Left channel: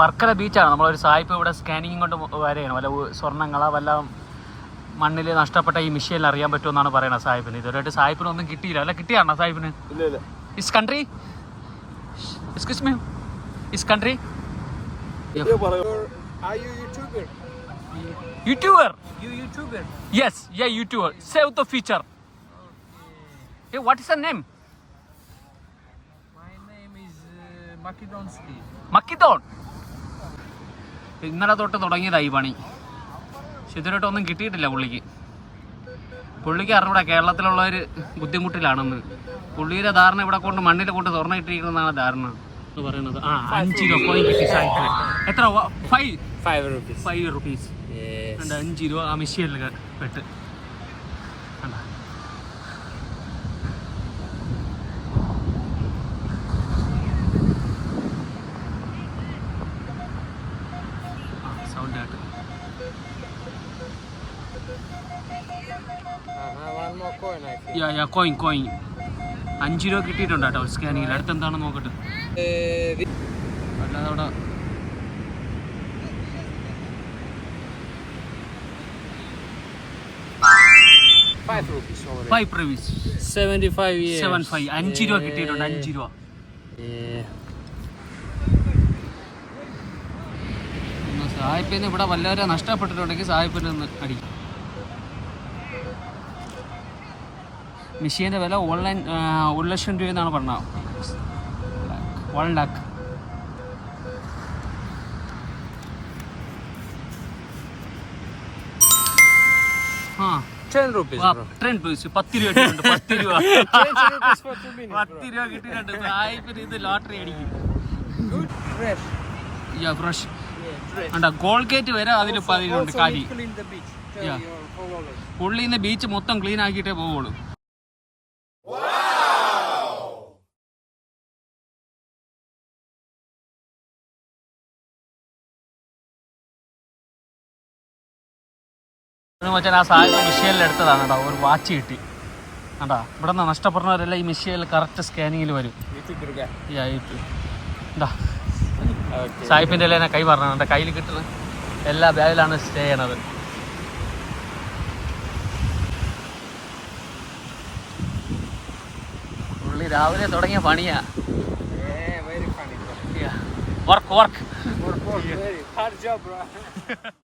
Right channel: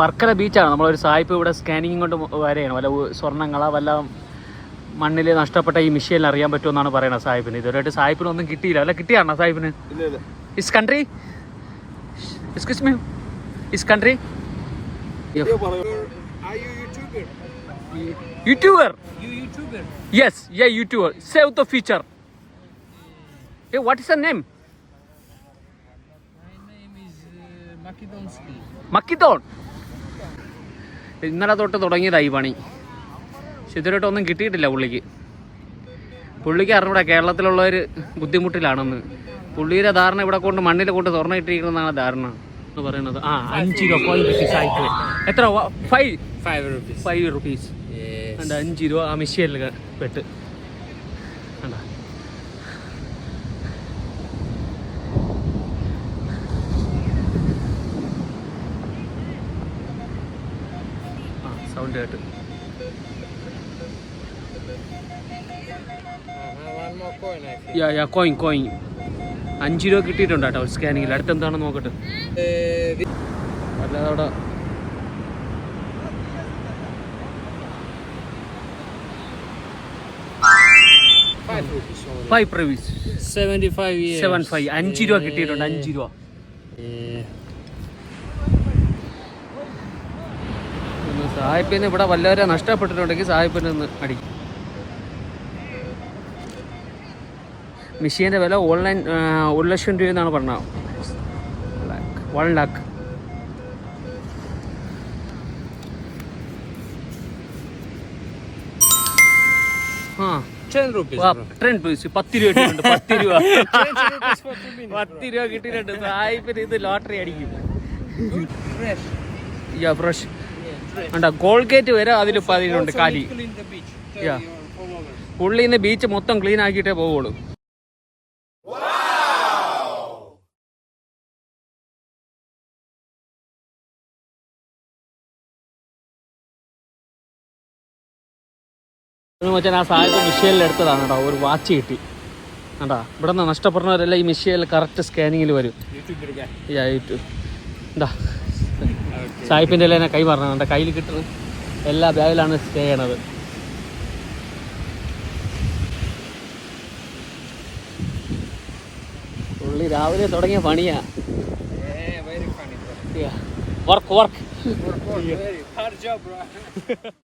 വർക്കല ബീച്ചാണ്. നമ്മളൊരു സായിപ്പ് ഇവിടെ സ്കാനിങ് കൊണ്ട് വരെയാണ്. വല്ല സ്വർണ്ണങ്ങളാ വല്ല മണ്ണിൽ നഷ്ടപ്പെട്ട ഈ മിഷീനിൽ അറിയാൻ പറ്റുമെന്നാണ് പറയുന്നത് സാഹിബിന്. ഇതുവരെയായിട്ട് സാഹിബിനൊന്നും കിട്ടിയില്ല. അല്ല കിട്ടിയാണോ സാഹിബിന്? Is country excuse me is country YouTuber? You YouTuber? Yes, yeah, YouTuber. Save the future. Okay. Hey, what is your name? My name is Makedonsky. മക്കിത്തോൺ. ഇന്നലെ തൊട്ട് തുടങ്ങിയതായി പണി. പക്ഷെ ഇതുവരെയായിട്ടൊന്നും കിട്ടിയിട്ടില്ല പുള്ളിക്ക് അറിഞ്ഞൂടാ കേരളത്തിലുള്ളവർ ബുദ്ധിമുട്ടിലാണെന്ന്. പുള്ളിയുടെ ധാരണ ഇവിടെ കൊണ്ട് മണ്ണിൽ കൊണ്ട് തുറന്നിട്ടിരിക്കുന്നതാണ് ധാരണ പറയുന്നത്. ആ 5 രൂപ. എത്ര? 5 റുപ്പീസ്. 5 രൂപ ആ മിഷീനിൽ പെട്ട്. സൗണ്ട് കേട്ട്. One more coin, I think. Yeah coin 5 രൂപ കിട്ടിയിട്ടുണ്ട് കേട്ടോ സ്കാനിങ്ങിൽ. അടുത്ത് എന്താണെന്ന് നോക്കട്ടെ. അവിടെ 5 rupees only. 5 rupees. 75 years. 75. 5 രൂപ കിട്ടിയിട്ടുണ്ട്. 5 രൂപ. സാഹിബിന് ഇവിടെ വല്ലവരെ നഷ്ടപ്പെട്ടിട്ടുണ്ടെങ്കിൽ സാഹിബിന് ഒന്ന് അടിക്കും. മിഷീൻ്റെ വില ഓൺലൈൻ 1 ലക്ഷം രൂപ എന്നാണ് പറഞ്ഞത്. 1 lakh. ആ 10 rupees, bro. 10 rupees. 10 രൂപ കിട്ടിയിട്ടുണ്ട്. 10 രൂപ. 20 rupees for 2 minutes, bro. 10 രൂപ കിട്ടിയിട്ടുണ്ട്. സാഹിബിന് ഇത് ലോട്ടറി അടിക്കും. Good, fresh. യാ ഫ്രഷ്. Yeah, fresh. ഉണ്ട് കോൾഗേറ്റ് വരെ അതിൽ പതിനുണ്ട് Also, കാലി. we clean the beach. Tell Yeah. your followers. പുള്ളി ഇന്ന് ബീച്ച് മൊത്തം ക്ലീൻ ആക്കിയിട്ടേ പോവുള്ളൂ. ആ സാധനം മിഷീനിൽ എടുത്തതാണ്. ഒരു വാച്ച് കിട്ടി കണ്ടാ. ഇവിടെ നിന്ന് നഷ്ടപ്പെടുന്നവരെല്ലാം ഈ മിഷീനിൽ കറക്റ്റ് സ്കാനിങ്ങിൽ വരും. YouTuber guy. എന്താ Okay. സായിപ്പിൻ്റെ എല്ലാം കൈ പറഞ്ഞത് കയ്യിൽ കിട്ടുന്നത് എല്ലാ ബാഗിലാണ് സ്റ്റേ ചെയ്യണത്. പുള്ളി രാവിലെ തുടങ്ങിയ പണിയാ. Yeah, very funny, bro. Work Work, very hard job, bro.